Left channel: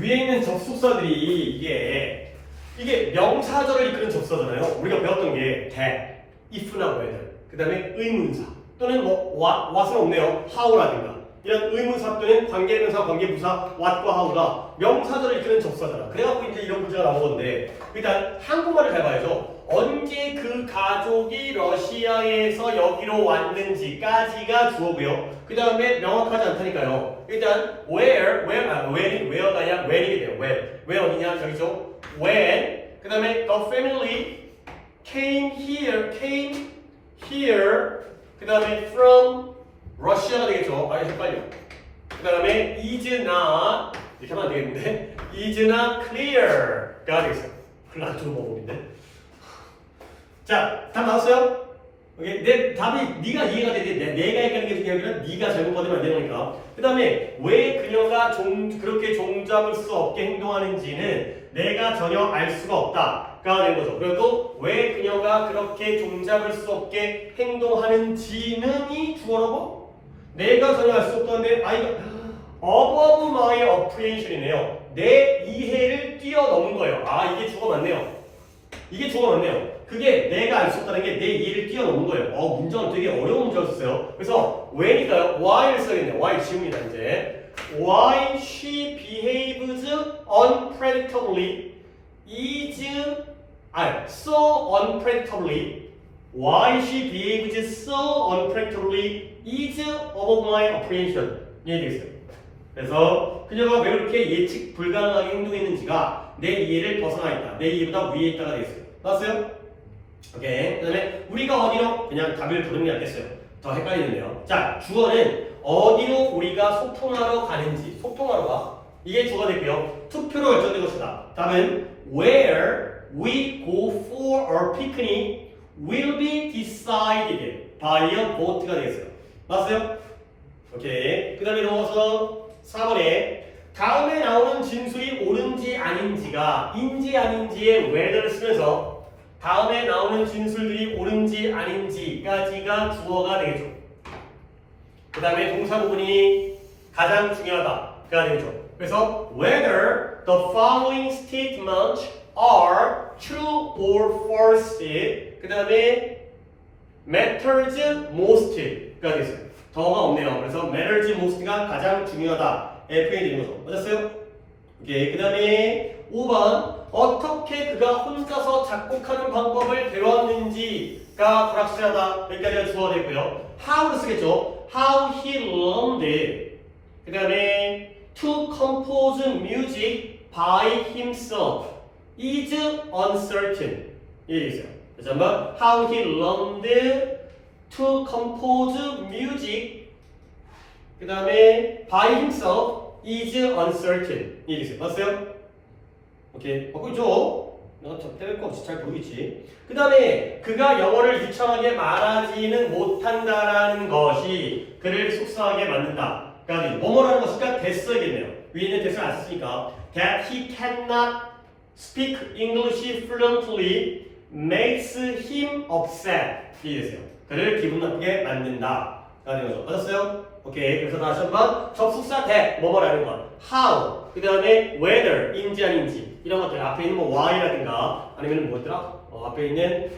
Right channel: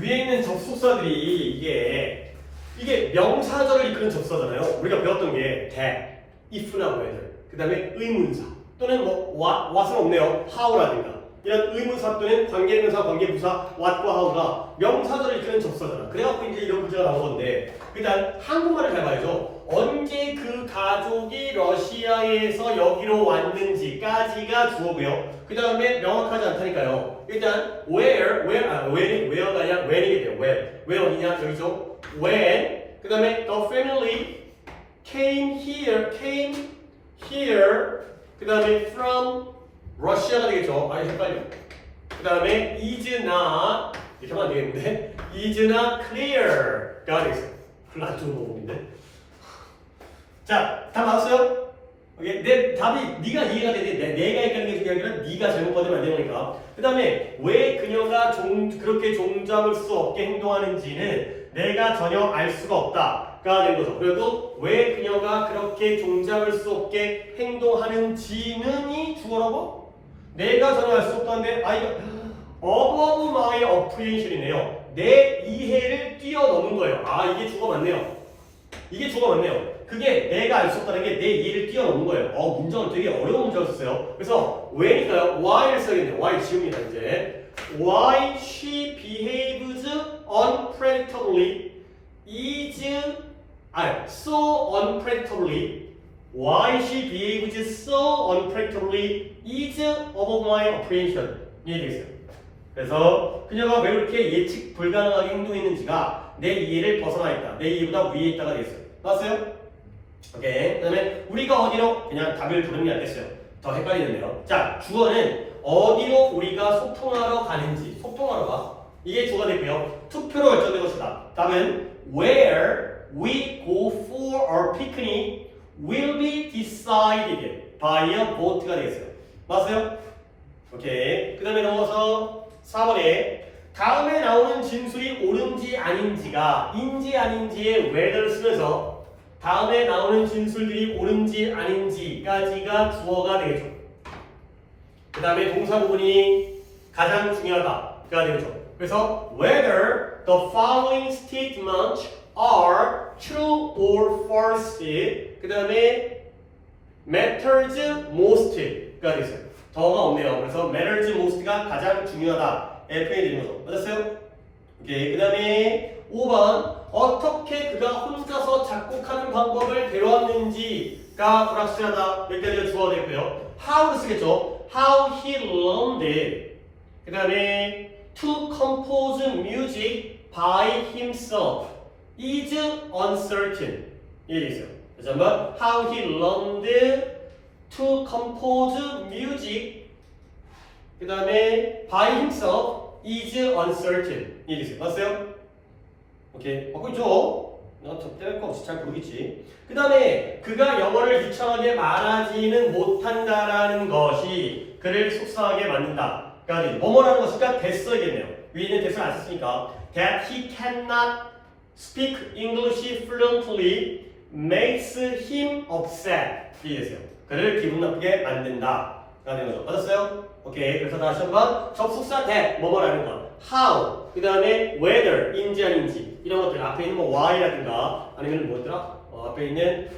위에 있는 접속사들이 이게 명사절을 이끄는 접속사잖아요. 우리가 배웠던 게 that, if나 whether, 그 다음에 의문사 또는 뭐 what은 없네요. how라든가 이런 의문사 또는 관계명사, 관계부사 what과 how가 명사절을 이끄는 접속사잖아. 그래갖고 이제 이런 문제가 나온 건데 일단 한국말을 잘 봐야죠. 언제 그 가족이 러시아에서 여기로 왔는지까지가 주어고요. 그 다음에 명확하지 않다니까요. 일단 where가 아니라 when이게 돼요. when 어디냐 저기죠. when 그 다음에 the family came here 그 다음에 from Russia가 되겠죠. 아 헷갈려. 그 다음에 is not 이렇게 하면 안 되겠는데 is not clear가 되겠어요. 별로 안 좋은 방법인데. 자, 답 나왔어요? 오케이. 내 답이 네가 이해가 되는데 내가 헷갈리는 게 중요한 게 아니라 네가 잘못 받으면 안 되니까. 그 다음에 왜 그녀가 그렇게 종잡을 수 없게 행동하는지는 내가 전혀 알 수가 없다가 된 거죠. 그래도 왜 그녀가 그렇게 종잡을 수 없게 행동하는지는 이 주어라고? 내가 전혀 알 수 없다는데 이거 above my apprehension이네요. 내 이해를 뛰어넘은 거예요. 이게 주어 맞네요. 이게 주어 맞네요. 그게 내가 알 수 없다는 게 내 이해를 뛰어넘는 거예요. 문장은 되게 어려운 문장이었어요. 그래서 왜니까요? why를 써야겠네요. why 지웁니다 이제. Why she behaves unpredictably is so unpredictably. Why she behaves so unpredictably is above my apprehension. 이해되겠어요? 그래서 그녀가 왜 그렇게 예측 불가능하게 행동했는지가 내 이해를 벗어나 있다. 내 이해보다 위에 있다가 되겠어요. 나왔어요? 오케이. 그 다음에 우리가 어디로 그냥 답을 부르는 게 낫겠어요. 더 헷갈리는데요. 자, 주어는 어디로 우리가 소통하러 가는지. 소통하러 가. 이게 주어가 되고요. 투표로 결정된 것이다. 답은 where we go for our picnic will be decided by a vote가 되겠어요. 맞았어요? 오케이. 그 다음에 넘어가서 4번에 다음에 나오는 진술이 옳은지 아닌지가 인지 아닌지의 whether를 쓰면서 다음에 나오는 진술들이 옳은지 아닌지까지가 주어가 되겠죠. 그 다음에 동사 부분이 가장 중요하다가 되겠죠. 그래서 whether the following statements are true or false 그 다음에 matters most가 되겠어요. 더가 없네요. 그래서 matters most가 가장 중요하다에 표현이 되는 거죠. 맞았어요? 오케이. 그 다음에 5번 어떻게 그가 혼자서 작곡하는 방법을 배웠는지가 불확실하다. 여기까지가 주어가 되고요. how를 쓰겠죠. How he learned 그 다음에 to compose music by himself is uncertain 이게 있어요. 그래서 한번 How he learned to compose music 그 다음에 by himself is uncertain 이게 있어요. 맞았어요? 오케이. 맞고 있죠? 내가 때릴 거 없이 잘 모르겠지. 그 다음에 그가 영어를 유창하게 말하지는 못한다라는 것이 그를 속상하게 만든다. 그러니까 뭐뭐라는 것이니까 that 써야겠네요. 위에 있는 that을 안 썼으니까 that he cannot speak English fluently makes him upset. 이게 됐어요. 그를 기분 나쁘게 만든다. 라는 거죠. 맞았어요? 오케이. 그래서 다시 한번 접속사 that 뭐뭐라는 것 how 그 다음에 whether 인지 아닌지 이런 것들 앞에 있는 뭐 why라든가 아니면 뭐더라? 앞에 있는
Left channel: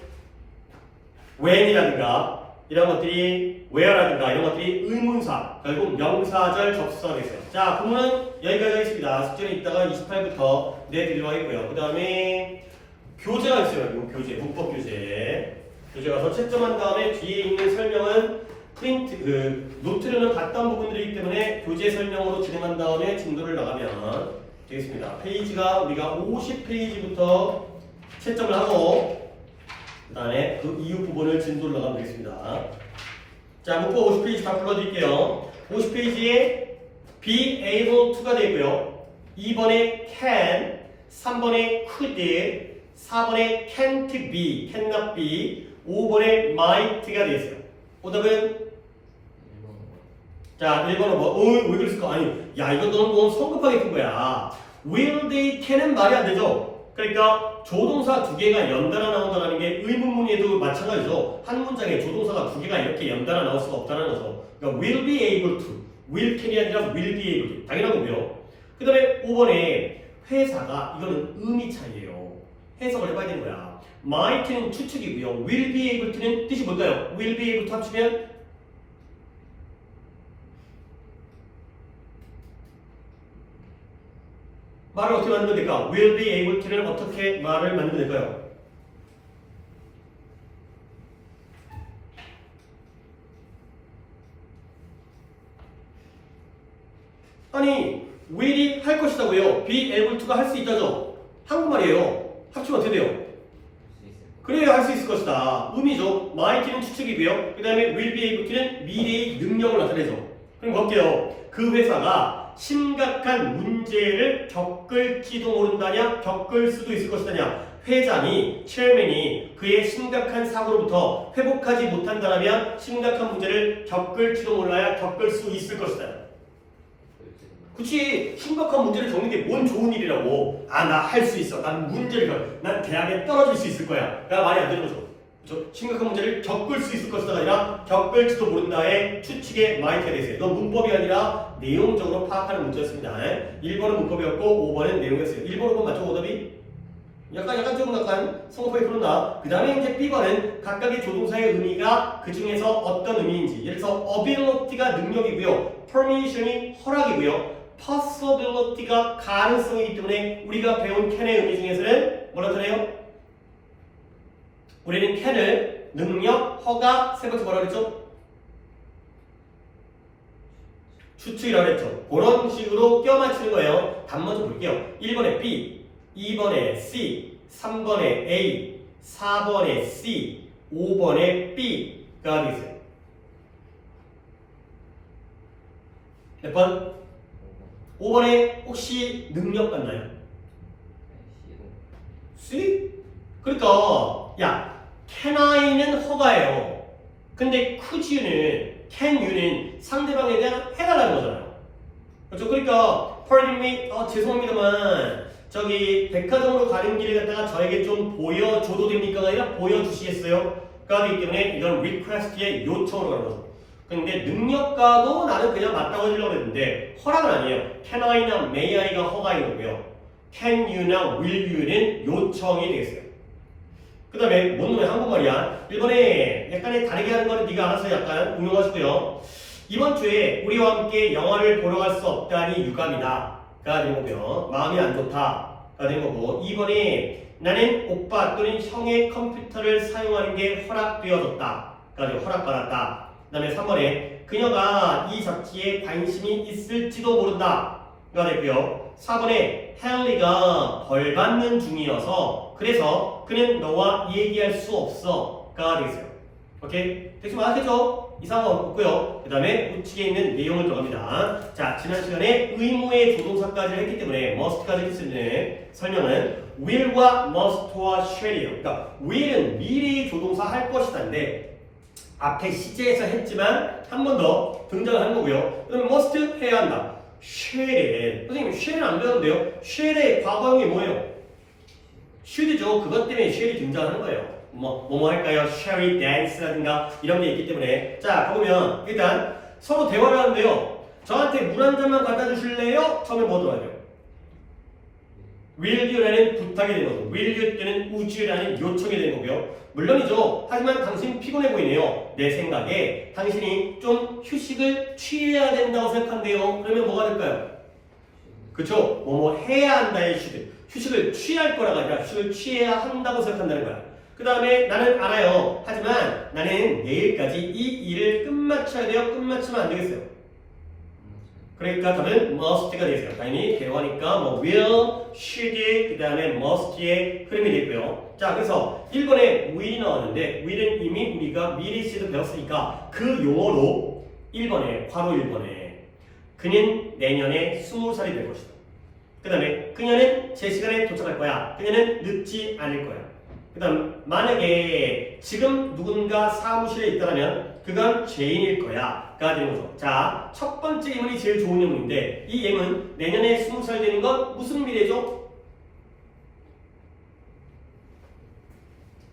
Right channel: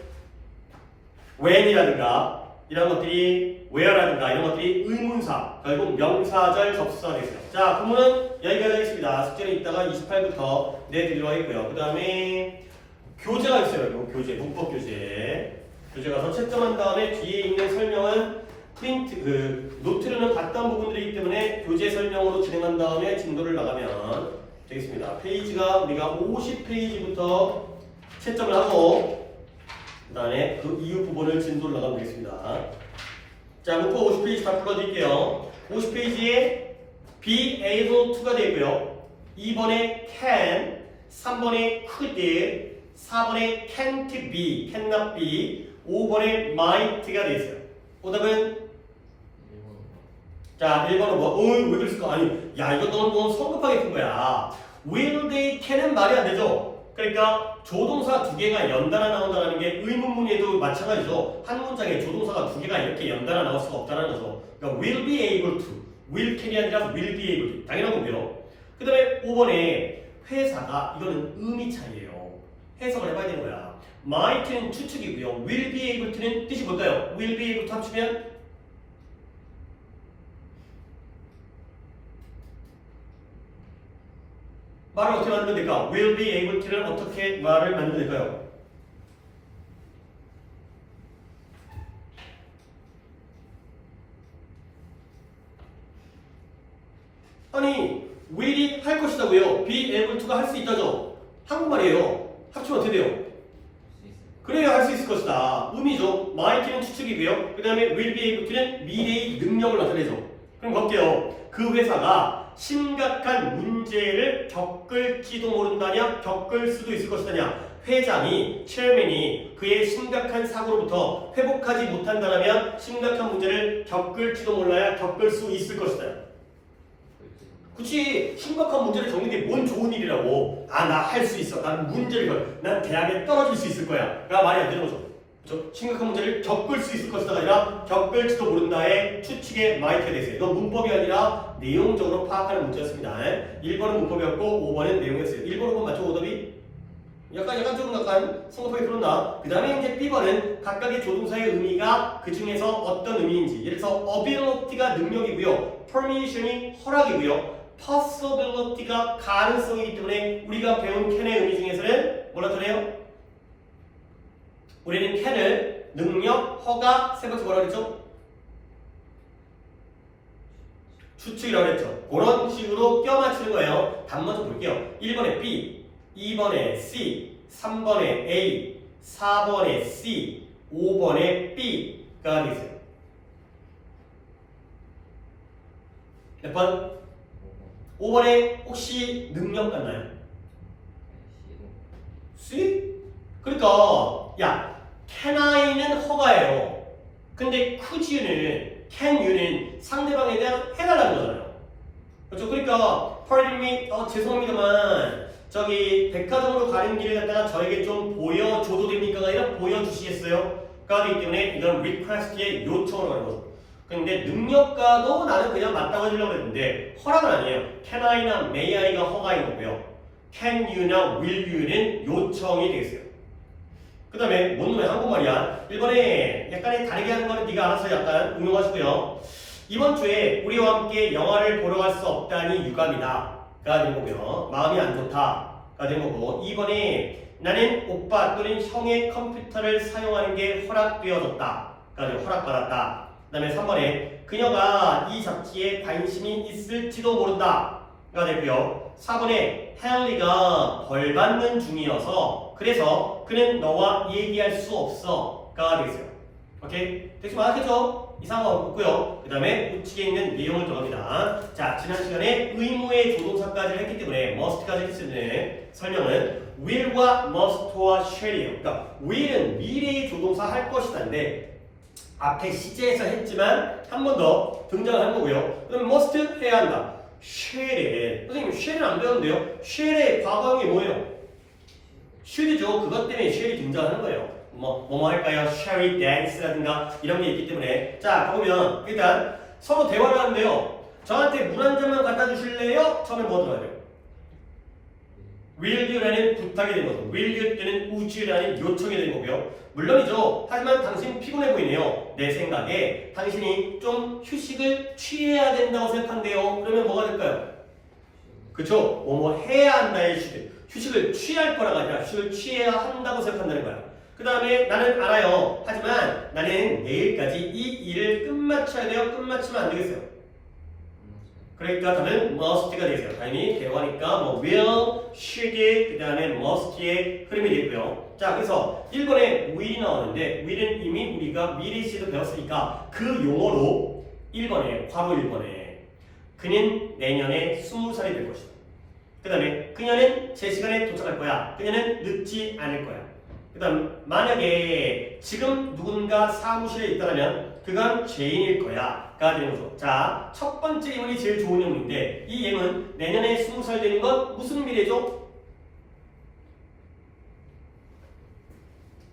when이라든가 이런 것들이 where라든가 이런 것들이 의문사 결국 명사절 접속사가 되겠어요. 자, 부문은 여기까지 하겠습니다. 숙제는 이따가 28부터 내드리도록 하겠고요. 그 다음에 교재가 있어요. 교재, 문법 교재. 교재 가서 채점한 다음에 뒤에 있는 설명은 프린트, 노트로는 봤던 부분들이기 때문에 교재 설명으로 진행한 다음에 진도를 나가면 되겠습니다. 페이지가 우리가 50페이지부터 채점을 하고 그 다음에 그 이후 부분을 진도를 나가면 되겠습니다. 자, 문법 50페이지 다 불러드릴게요. 50페이지에 be able to가 되고요. 2번에 can, 3번에 could, 4번에 can't be, cannot be, 5번에 might가 되겠어요. 오답은 자, 1번은 왜 그랬을까? 아니, 야, 이거 너무 성급하게 푼 거야. will they can은 말이 안 되죠? 그러니까 조동사 두 개가 연달아 나온다는 게 의문문에도 마찬가지죠. 한 문장에 조동사가 두 개가 이렇게 연달아 나올 수가 없다는 거죠. 그러니까 will be able to, will can이 아니라 will be able to. 당연한 건데요. 그 다음에 5번에 회사가 이거는 의미 차이예요. 해석을 해봐야 되는 거야. might는 추측이고요. will be able to는 뜻이 뭘까요? will be able to 합치면 말을 어떻게 만들면 될까? will be able to는 어떻게 말을 만들면 될까요? 아니 will이 할 것이다고요. be able to가 할 수 있다죠. 한국말이에요. 합치면 어떻게 돼요? 그래야 할 수 있을 것이다. 의미죠. might는 추측이고요. 그 다음에 will be able to는 미래의 능력을 나타내죠. 그럼 볼게요. 그 회사가 심각한 문제를 겪을지도 모른다냐? 겪을 수도 있을 것이다냐? 회장이, 체어맨이 그의 심각한 사고로부터 회복하지 못한다면 심각한 문제를 겪을지도 몰라야 겪을 수 있을 것이다. 그치, 심각한 문제를 겪는 게 뭔 좋은 일이라고. 아, 나 할 수 있어. 난 문제를 난 대학에 떨어질 수 있을 거야. 가 말이 안 되는 거죠. 그렇죠? 심각한 문제를 겪을 수 있을 것이다가 아니라 겪을지도 모른다의 추측의 마이크에 대해서. 이건 문법이 아니라 내용적으로 파악하는 문제였습니다. 1번은 문법이었고 5번은 내용이었어요. 1번 5번 맞죠? 오답이? 약간 조금 성급하게 풀었나? 그 다음에 이제 B번은 각각의 조동사의 의미가 그 중에서 어떤 의미인지. 예를 들어서 ability가 능력이고요. permission이 허락이고요. possibility가 가능성이기 때문에 우리가 배운 can의 의미 중에서는 뭐라 그래요? 우리는 can을 능력, 허가, 세 번째 뭐라 그랬죠? 추측이라고 했죠. 그런 식으로 껴 맞추는 거예요. 답 먼저 볼게요. 1번에 B, 2번에 C, 3번에 A, 4번에 C, 5번에 B가 되겠어요. 몇 번? 5번에 혹시 능력 같나요? C? 그러니까 야, can I는 허가예요. 근데 could you는, can you는 상대방에 대한 해달라는 거잖아요. 그렇죠? 그러니까 pardon me, 죄송합니다만 저기 백화점으로 가는 길에 갔다가 저에게 좀 보여줘도 됩니까가 아니라 보여주시겠어요? 가 되기 때문에 이건 request의 요청으로 가는 거죠. 근데 능력가도 나는 그냥 맞다고 해주려고 했는데 허락은 아니에요. can I나 may I가 허가인 거고요. can you나 will you는 요청이 되겠어요. 그 다음에 뭔 놈의 한국말이야. 1번에 약간의 다르게 하는 거는 네가 알아서 약간 응용하시고요. 이번 주에 우리와 함께 영화를 보러 갈 수 없다니 유감이다 가 된 거고요. 마음이 안 좋다 가 된 거고 2번에 나는 오빠 또는 형의 컴퓨터를 사용하는 게 허락되어졌다 가 되고 허락받았다. 그 다음에 3번에 그녀가 이 잡지에 관심이 있을지도 모른다 가 됐고요. 4번에 헨리가 벌 받는 중이어서 그래서 그는 너와 얘기할 수 없어 가 되겠어요. 오케이? 대충 알았겠죠? 이상한 거 없고요. 그 다음에 우측에 있는 내용을 들어갑니다. 자, 지난 시간에 의무의 조동사까지 했기 때문에 must까지 했는데 설명은 will과 must와 shall이에요. 그러니까 will은 미래의 조동사 할 것이다인데 앞에 시제에서 했지만 한 번 더 등장을 한 거고요. 그다음에 must 해야 한다. shall에 선생님 shall은 안 배웠는데요. shall의 과거형이 뭐예요? should죠. 그것 때문에 shall이 등장하는 거예요. 뭐뭐 할까요? shall we dance라든가 이런 게 있기 때문에 자 보면 일단 서로 대화를 하는데요. 저한테 물 한 잔만 갖다 주실래요? 처음에 뭐 들어야 돼요? will you라는 부탁이 되는 거죠. will you 때는 would you라는 요청이 되는 거고요. 물론이죠. 하지만 당신 피곤해 보이네요. 내 생각에 당신이 좀 휴식을 취해야 된다고 생각한대요. 그러면 뭐가 될까요? 그쵸? 뭐뭐 해야 한다의 휴식을 취할 거라가 아니라 휴식을 취해야 한다고 생각한다는 거야. 그 다음에 나는 알아요. 하지만 나는 내일까지 이 일을 끝마쳐야 돼요. 끝마치면 안 되겠어요. 그러니까 답은 must가 되겠어요. 당연히 대화니까 뭐 will, should, 그 다음에 must의 흐름이 되고요. 자, 그래서 1번에 will이 나왔는데 will은 이미 우리가 미래 시에도 배웠으니까 그 용어로 1번에 괄호 1번에 그는 내년에 20살이 될 것이다. 그 다음에 그녀는 제 시간에 도착할 거야. 그녀는 늦지 않을 거야. 그 다음 만약에 지금 누군가 사무실에 있다면 그건 죄인일 거야 가 되는 거죠. 자, 첫 번째 예문이 제일 좋은 예문인데 이 예문 내년에 20살 되는 건 무슨 미래죠?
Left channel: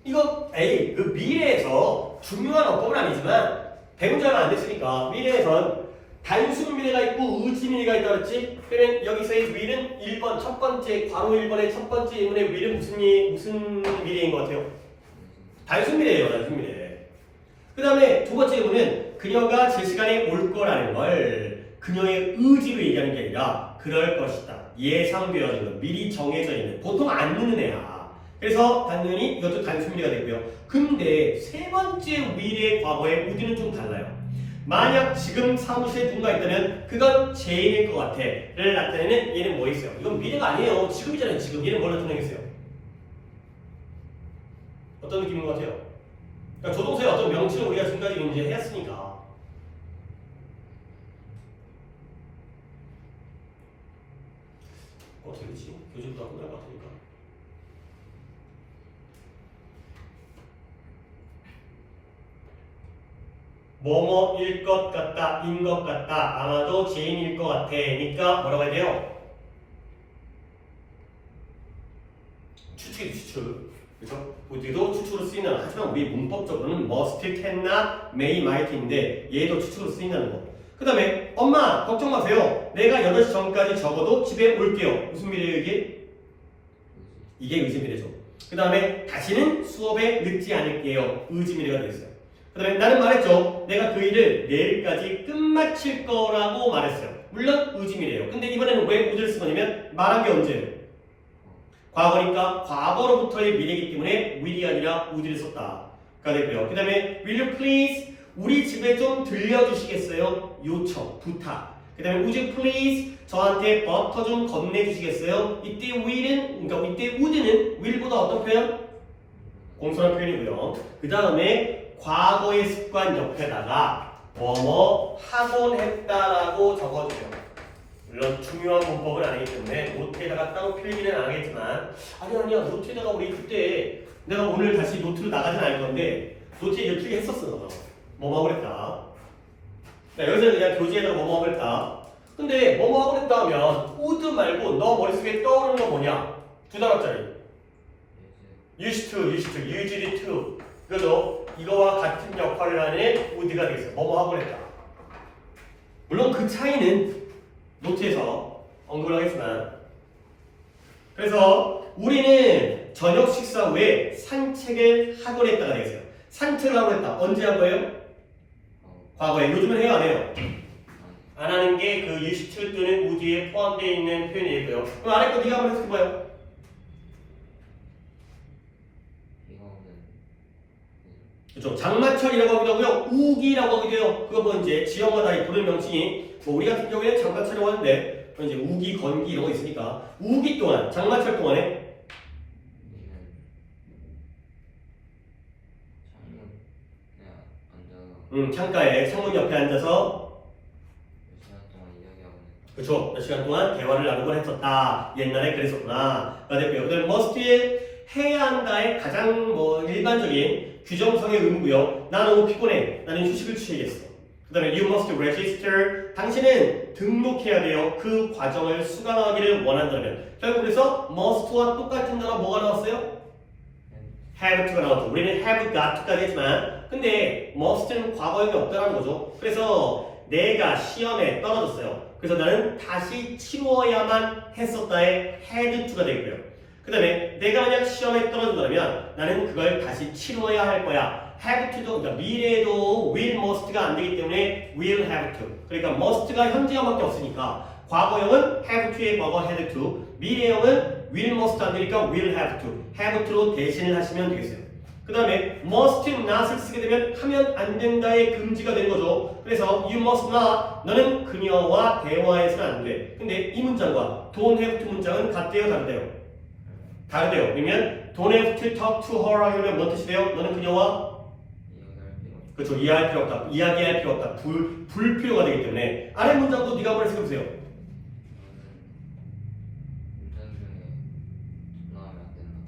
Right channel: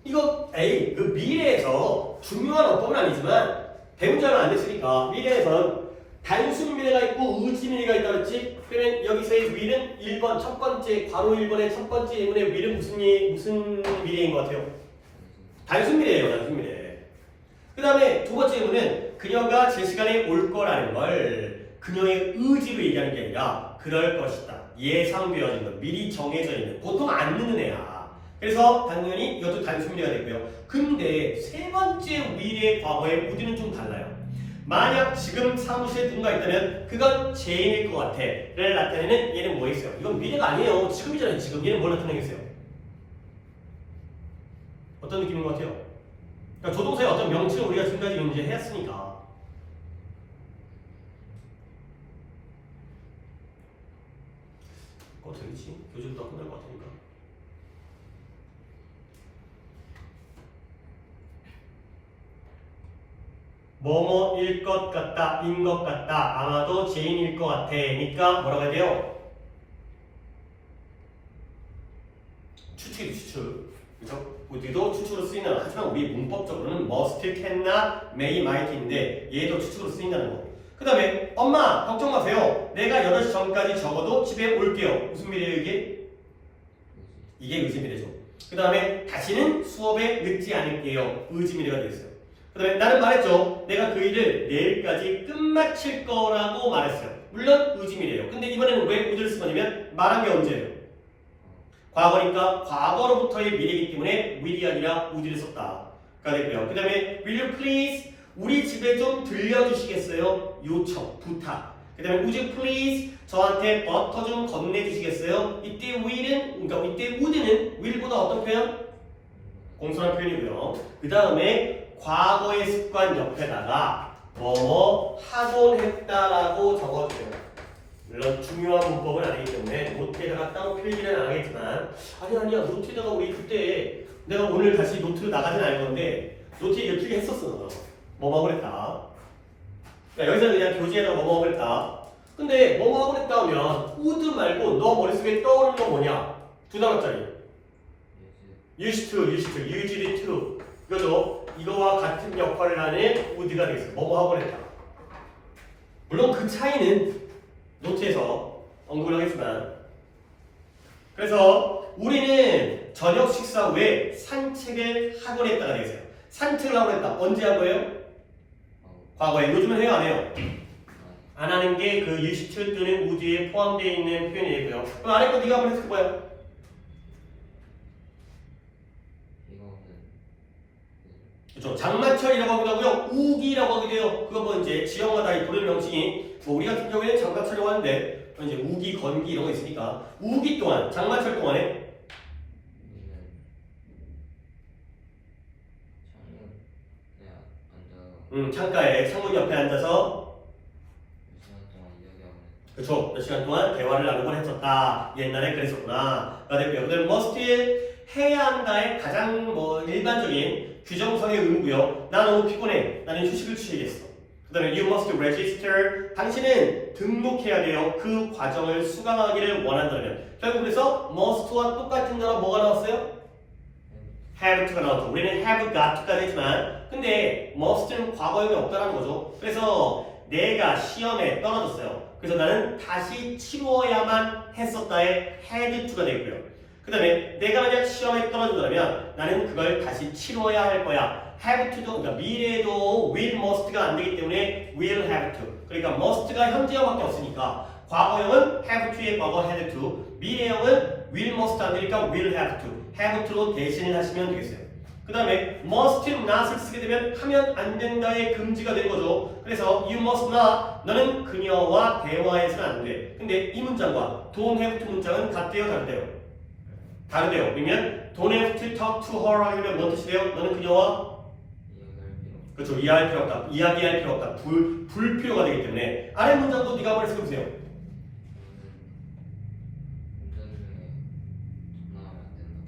이거 그 미래에서 중요한 어법은 아니지만 배운 지 얼마 안 됐으니까 미래에선 단순 미래가 있고 의지 미래가 있다 그랬지? 그러면 여기서의 will은 1번 첫 번째 괄호 1번의 첫 번째 예문의 will은 무슨 미래인 것 같아요? 단순 미래예요. 단순 미래. 그 다음에 두 번째 예문은 그녀가 제 시간에 올 거라는 걸 그녀의 의지로 얘기하는 게 아니라 그럴 것이다. 예상되어진 것, 미리 정해져 있는, 보통 안 늦는 애야. 그래서 당연히 이것도 단순 미래가 되고요. 근데 세 번째 will의 과거의 would는 좀 달라요. 만약 지금 사무실에 누군가 있다면 그건 제인일 것 같아 를 나타내는 얘는 뭐 있어요? 이건 미래가 아니에요. 지금이잖아요. 지금 얘는 뭘 나타내겠어요? 어떤 느낌인 것 같아요? 그러니까 조동사의 어떤 명칭을 우리가 지금까지 이제 했으니까 어떻게 되지? 교재도 다 끝날 것 같으니까 뭐뭐일 것 같다, 인 것 같다, 아마도 제인일 것 같아 니까 뭐라고 해야 돼요? 추측이죠, 추측. 그죠? 우리도 추측으로 쓰이는, 하지만 우리 문법적으로는 must, can나, may, might인데 얘도 추측으로 쓰인다는 거. 그 다음에 엄마 걱정 마세요. 내가 8시 전까지 적어도 집에 올게요. 무슨 미래예요 이게? 이게 의지 미래죠. 그 다음에 다시는 수업에 늦지 않을게요. 의지 미래가 되겠어요. 그 다음에 나는 말했죠. 내가 그 일을 내일까지 끝마칠 거라고 말했어요. 물론 의지 미래예요. 근데 이번에는 왜 would를 쓴 거냐면 말한 게 언제예요? 과거니까 과거로부터의 미래이기 때문에 will이 아니라 would를 썼다가 되고요. 그 다음에 will you please 우리 집에 좀 들려주시겠어요? 요청, 부탁. 그 다음에 would you please 저한테 버터 좀 건네주시겠어요? 이때 will은, 그러니까 이때 would는 will보다 어떤 표현? 공손한 표현이고요. 그 다음에 과거의 습관 옆에다가 뭐뭐 하곤 했다라고 적어주세요. 물론 중요한 문법은 아니기 때문에 노트에다가 따로 필기는 안 하겠지만 아니야 노트에다가 우리 그때 내가 오늘 다시 노트로 나가진 않을 건데 노트에 이렇게 했었어. 뭐뭐 그랬다. 그러니까 여기서는 그냥 교재에다가 뭐뭐 그랬다. 근데 뭐뭐 그랬다 하면 would 말고 너 머릿속에 떠오르는 건 뭐냐? 두 단어짜리 used to, usually to 이거죠. 이거와 같은 역할을 하는 would가 되겠어. 뭐뭐 하고 그랬다. 물론 그 차이는 노트에서 언급을 하겠지만 그래서 우리는 저녁 식사 후에 산책을 하곤 했다가 되겠어요. 산책을 하곤 했다. 언제 한 거예요? 과거에. 요즘은 해요 안 해요? 안 하는 게 그 used to 또는 would에 포함되어 있는 표현이고요. 그럼 아래 거 네가 한번 해석해봐요. 그렇죠. 장마철이라고 하기도 하고요. 우기라고 하기도 해요. 그거 뭐 이제 지역마다 부르는 명칭이 뭐 우리 같은 경우에는 장마철이라고 하는데 이제 우기, 건기 이런 거 있으니까 우기 동안, 장마철 동안에 창가에 창문 옆에 앉아서 그렇죠. 몇 시간 동안 대화를 나누곤 했었다. 옛날에 그랬었구나. 가 됐고요. 그다음에 must에 해야 한다의 가장 뭐 일반적인 규정성의 의무고요. 나 너무 피곤해. 나는 휴식을 취해야겠어. 그 다음에 you must register. 당신은 등록해야 돼요. 그 과정을 수강하기를 원한다면. 결국 그래서 must와 똑같은 단어 뭐가 나왔어요? have to가 나왔죠. 우리는 have got to까지 했지만 근데 must는 과거형이 없다는 거죠. 그래서 내가 시험에 떨어졌어요. 그래서 나는 다시 치루어야만 했었다의 had to가 되고요. 그 다음에 내가 만약 시험에 떨어진다면 나는 그걸 다시 치러야 할 거야. have to도, 그러니까 미래에도 will, must가 안 되기 때문에 will have to. 그러니까 must가 현재형밖에 없으니까 과거형은 have to의 과거 had to, 미래형은 will, must 안 되니까 will have to. have to로 대신을 하시면 되겠어요. 그 다음에 must not을 쓰게 되면 하면 안 된다의 금지가 된 거죠. 그래서 you must not, 너는 그녀와 대화해서는 안 돼. 근데 이 문장과 don't have to 문장은 같대요, 다르대요? 다르대요. 그러면 don't have to talk to her 하면 뭔 뜻이래요? 너는 그녀와 그렇죠. 이해할 필요 없다. 이야기할 필요 없다. 불필요가 되기 때문에 아래 문장도 네가 한번 해석해보세요.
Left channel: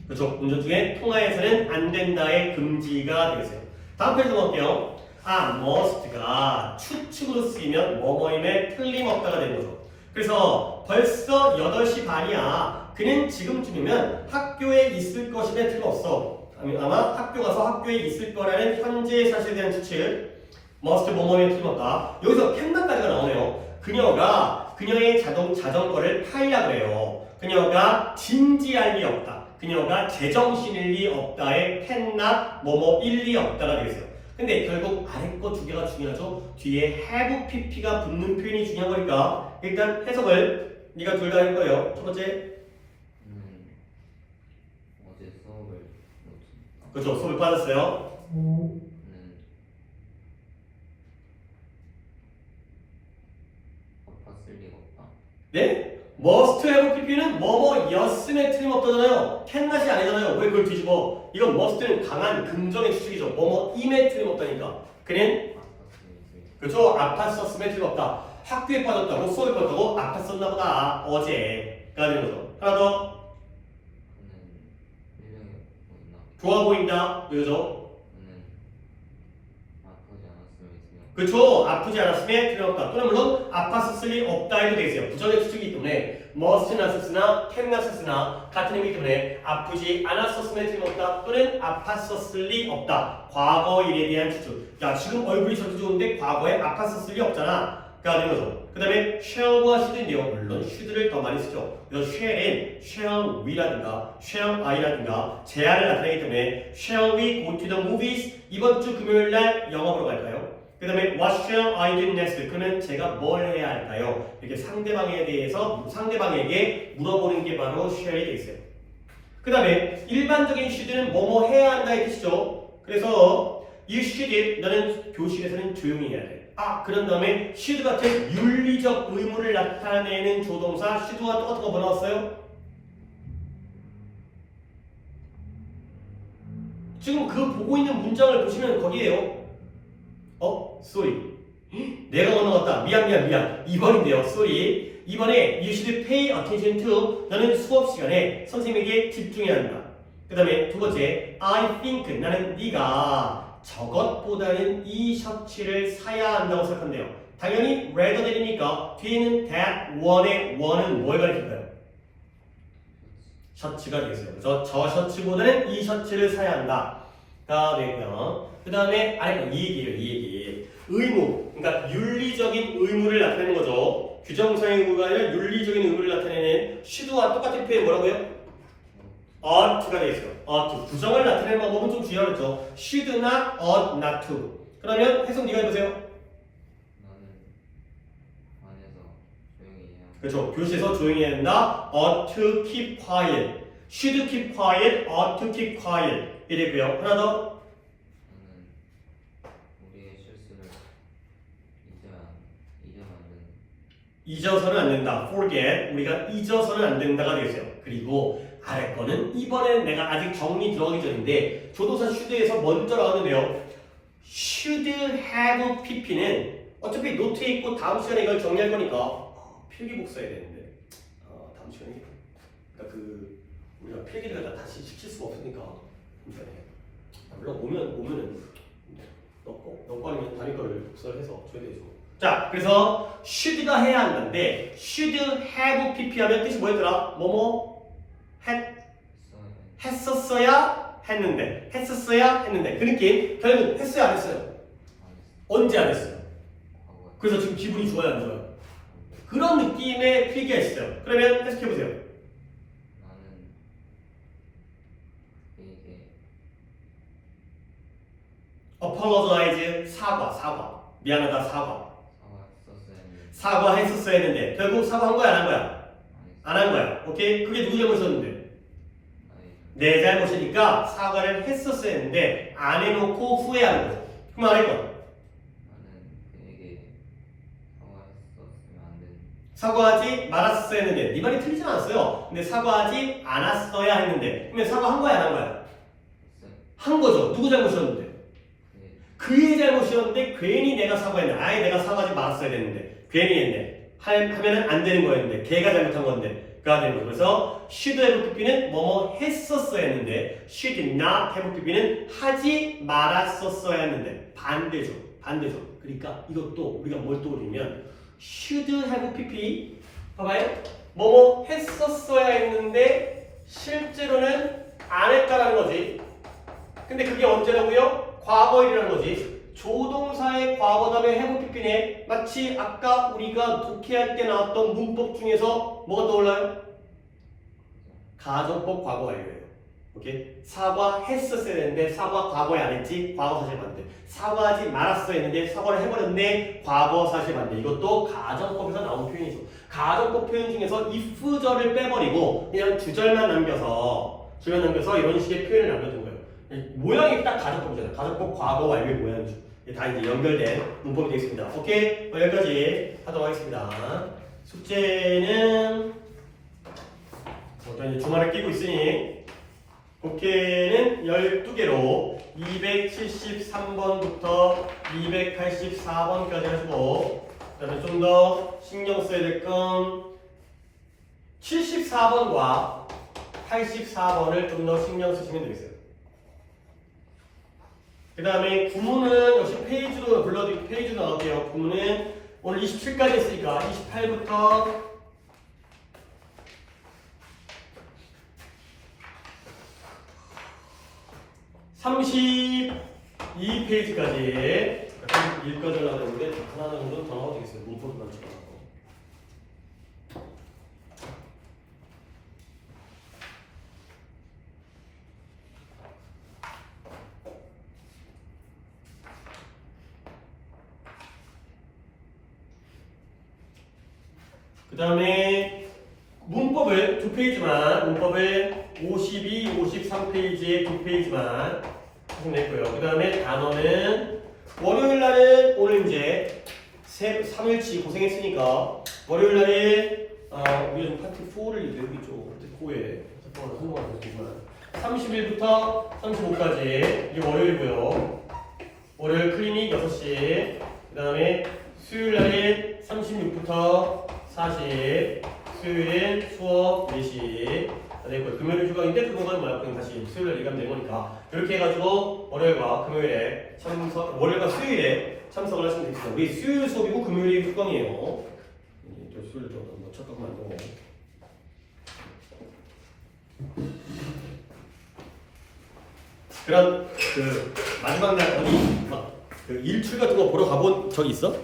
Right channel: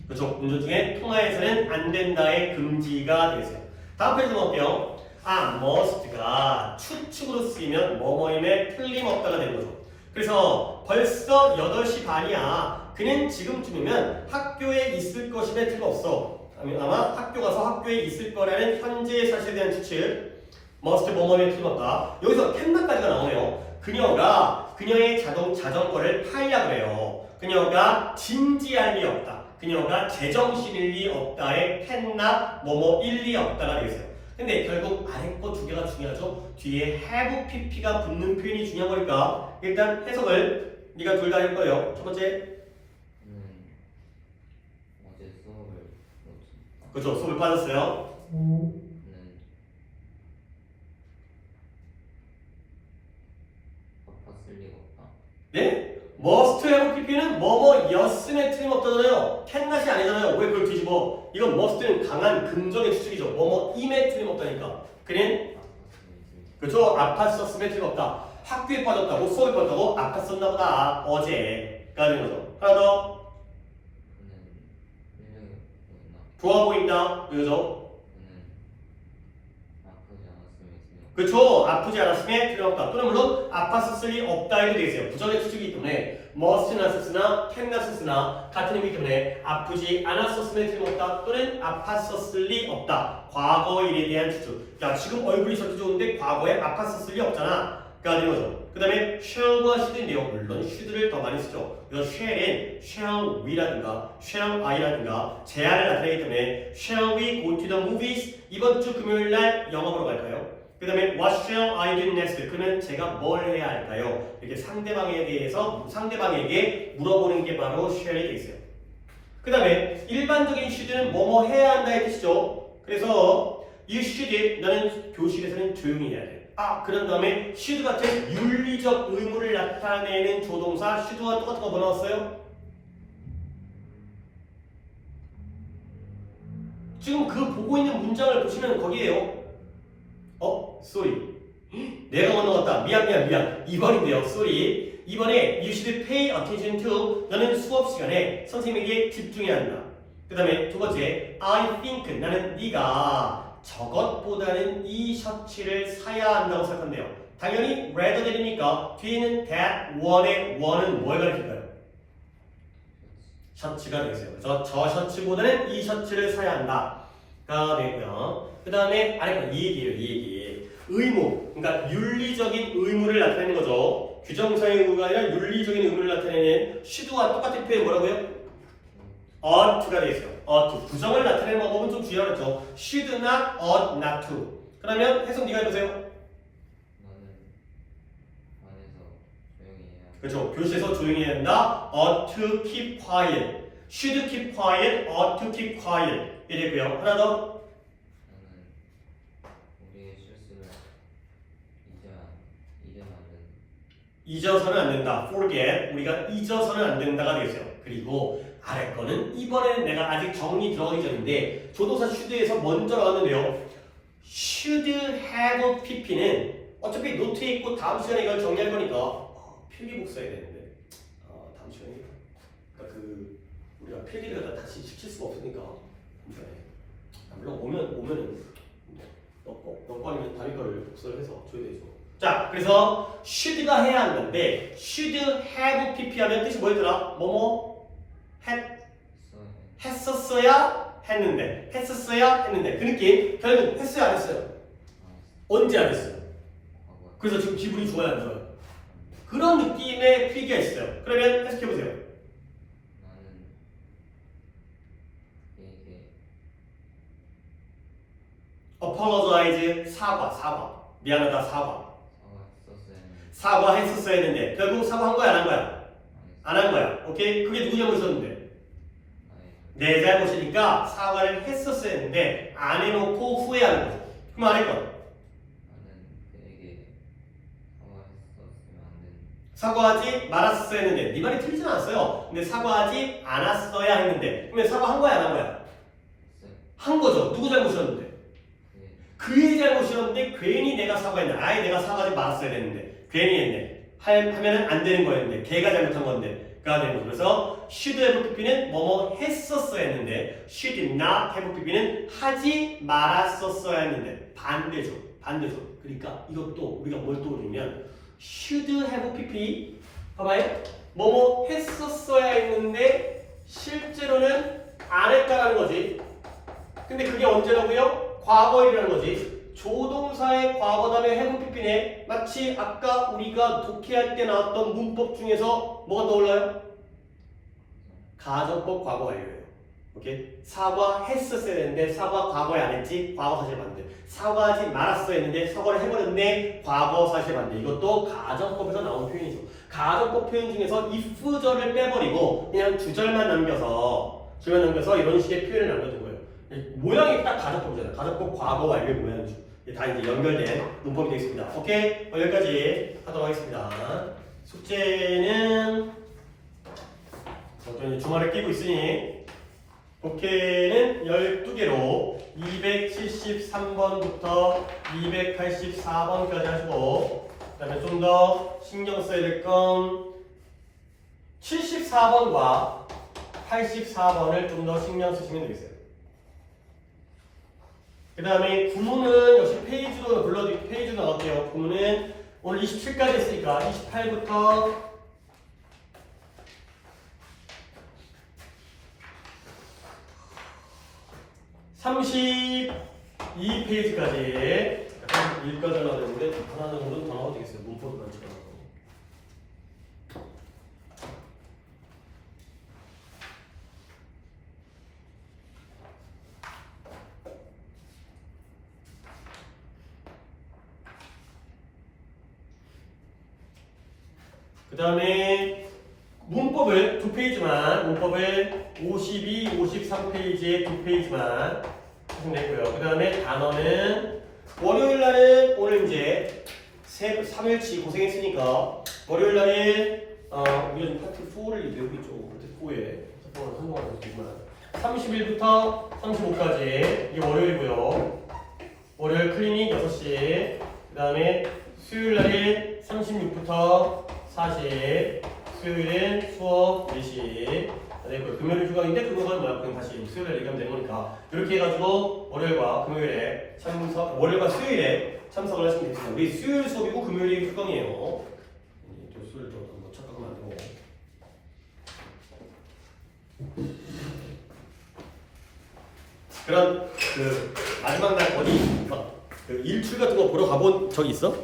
그렇죠. 운전 중에 통화해서는 안 된다의 금지가 되겠어요. 다음 페이지 넘어갈게요. must가 추측으로 쓰이면 뭐뭐임에 틀림없다가 되는 거죠. 그래서 벌써 8시 반이야. 그는 지금쯤이면 학교에 있을 것임에 틀림없어. 아마 학교 가서 학교에 있을 거라는 현재 사실에 대한 추측. must 뭐뭐에 틀림없다. 여기서 캔나까지가 나오네요. 그녀가 그녀의 자전거를 팔려고 해요. 그녀가 진지할 리 없다. 그녀가 제정신일 리 없다의 캔나 뭐뭐일 리 없다가 되겠어요. 근데 결국 아래 거 두 개가 중요하죠. 뒤에 have pp가 붙는 표현이 중요한 거니까 일단 해석을 네가 둘 다 할 거예요. 첫 번째 어제 수업을 놓쳤다. 그렇죠. 수업을 빠졌어요. 바빴을 리가 없다. 네? must have pp는 뭐뭐였음에 틀림없다잖아요. 캔낫이 아니잖아요. 왜 그걸 뒤집어? 이건 must는 강한 긍정의 추측이죠. 뭐뭐임에 틀림없다니까. 그는 그렇죠. 아팠었음에 틀림없다. 학교에 빠졌다고 수업에 빠졌다고 아팠었나 보다. 어제가 되는 거죠. 하나 더. 그는 일명이 보인다. 좋아 보인다. 그죠? 그는 아프지 않았으면 있으면. 그렇죠. 아프지 않았음에 틀림없다. 또는 물론 아팠었을 리 없다 해도 되겠어요. 부정의 추측이기 때문에 must나 썼으나 can나 썼으나 같은 의미이기 때문에 아프지 않았었음에 틀림없다. 또는 아팠었을 리 없다. 과거 일에 대한 추측. 야 지금 얼굴이 저렇게 좋은데 과거에 아팠었을 리 없잖아. 가 되는 거죠. 그 다음에 shall과 should인데요. 물론 should를 더 많이 쓰죠. 그래서 shall은 shall we라든가 shall I라든가 제한을 나타내기 때문에 shall we go to the movies? 이번 주 금요일 날 영화 보러 갈까요? 그 다음에 what shall I do next? 그러면 제가 뭘 해야 할까요? 이렇게 상대방에 대해서 상대방에게 물어보는 게 바로 shall이 되겠어요. 그 다음에 일반적인 should는 뭐뭐 해야 한다의 뜻이죠. 그래서 you should 너는 교실에서는 조용히 해야 돼. 그런 다음에 should 같은 윤리적 의무를 나타내는 조동사 should와 똑같은 거 뭐 나왔어요? 지금 그 보고 있는 문장을 보시면 거기에요. sorry. 내가 건너갔다. 미안. 2번인데요. sorry. 이번에 you should pay attention to 너는 수업 시간에 선생님에게 집중해야 한다. 그 다음에 두 번째 I think 나는 네가 저것보다는 이 셔츠를 사야 한다고 생각한대요. 당연히 rather than이니까 뒤에는 that one의 one은 뭘 가리킬까요? 셔츠가 되겠어요. 그래서 저 셔츠보다는 이 셔츠를 사야 한다가 되고요. 그 다음에 아래 이 얘기. 의무, 그러니까 윤리적인 의무를 나타내는 거죠. 규정사의 의무가 아니라 윤리적인 의무를 나타내는 should와 똑같은 표현 뭐라고요? ought가 되겠어요. ought. 부정을 나타내는 방법은 좀 중요하겠죠. should not, ought not to. 그러면 해석 네가 해보세요. 나는 반에서 조용히 해야. 그렇죠. 교실에서 조용히 해야 된다. ought to keep quiet. should keep quiet, ought to keep quiet. 이랬고요. 하나 더. 나는 우리의 실수를 잊으면 안 된다. 잊어서는 안 된다. forget. 우리가 잊어서는 안 된다가 되겠어요. 그리고 아래 거는 이번엔 내가 아직 정리 들어가기 전인데 조동사 should에서 먼저 나왔는데요. should have pp는 어차피 노트에 있고 다음 시간에 이걸 정리할 거니까 필기 복사해야 되는데 다음 시간에 그러니까 우리가 필기를 다 다시 시킬 수가 없으니까 물론 오면은 너 아니면 다른 거를 복사를 해서 줘야 되죠. 자, 그래서 should가 해야 한다는데 should have pp 하면 뜻이 뭐였더라? 뭐뭐 했었어야 했는데 그 느낌. 결국 했어요 안 했어요? 언제 안 했어요? 그래서 지금 기분이 좋아요 안 좋아요? 그런 느낌의 필기가 있어요. 그러면 해석해보세요. 나는 이게 apologize 사과 미안하다 사과 사과했었어야 사과했었어야 했는데 결국 사과한 거야 안 한 거야? 안 한 거야. 오케이? 그게 누구 잘못이었는데? 내 잘못이니까 사과를 했었어야 했는데 안 해놓고 후회하는 거죠. 그럼 안 했거든. 나는 그에게 사과했었으면 안 되는. 사과하지 말았어야 했는데 네 말이 틀리진 않았어요. 근데 사과하지 않았어야 했는데 그러면 사과한 거야 안 한 거야? 한 거죠. 누구 잘못이었는데? 그의 잘못이었는데 괜히 내가 사과했네. 아예 내가 사과하지 말았어야 됐는데 괜히 했네. 하면은 안 되는 거였는데 걔가 잘못한 건데 가 되는 거죠. 그래서 should have pp는 뭐뭐 했었어야 했는데 should not have pp는 하지 말았었어야 했는데 반대죠. 그러니까 이것도 우리가 뭘 떠올리면 should have pp 봐봐요. 뭐뭐 했었어야 했는데 실제로는 안 했다라는 거지. 근데 그게 언제라고요? 과거일이라는 거지. 조동사의 과거 다음에 have pp네. 마치 아까 우리가 독해할 때 나왔던 문법 중에서 뭐가 떠올라요? 가정법 과거 완료예요. 오케이? 사과했었어야 되는데 사과 과거에 안 했지? 과거 사실 반대. 사과하지 말았어야 했는데 사과를 해버렸네? 과거 사실 반대. 이것도 가정법에서 나온 표현이죠. 가정법 표현 중에서 if절을 빼버리고 그냥 주절만 남겨서 이런 식의 표현을 남겨둔 거예요. 모양이 딱 가정법이잖아요. 가정법 과거 완료의 모양이죠. 다 이제 연결된 문법이 되겠습니다. 오케이? 여기까지 하도록 하겠습니다. 숙제는 이제 주말에 끼고 있으니 독해는 12개로 273번부터 284번까지 하시고 그 다음에 좀 더 신경 써야 될 건 74번과 84번을 좀 더 신경 쓰시면 되겠어요. 그 다음에 구문은 역시 페이지로 불러드릴게요. 페이지로 나갈게요. 구문은 오늘 27까지 했으니까 28부터 32페이지까지 약간 읽어달라고 했는데 하나 정도는 더 나와도 되겠어요. 문법만 찍어놓고. 그 다음에 문법을 2페이지만, 문법을 52, 53페이지에 2페이지만 냈고요. 그 다음에 단어는 월요일 날은 오늘 이제 3일치 고생했으니까 월요일 날에 우리는 파트 4를 여기 있죠. 파트 4에 성공하는 거지만 30일부터 35까지 이게 월요일이고요. 월요일 클리닉 6시, 그 다음에 수요일 날에 36부터 40, 수요일엔 수업 4시 되고요. 금요일 휴강인데 그거는 뭐야? 그냥 다시 수요일에 얘기하면 되는 거니까 이렇게 해가지고 월요일과 금요일에 월요일과 수요일에 참석을 하시면 되겠습니다. 우리 수요일 수업이고 금요일이 휴강이에요. 또 수요일도 뭐 착각만 하고. 그럼 그 마지막 날 어디 그 일출 같은 거 보러 가본 적이 있어?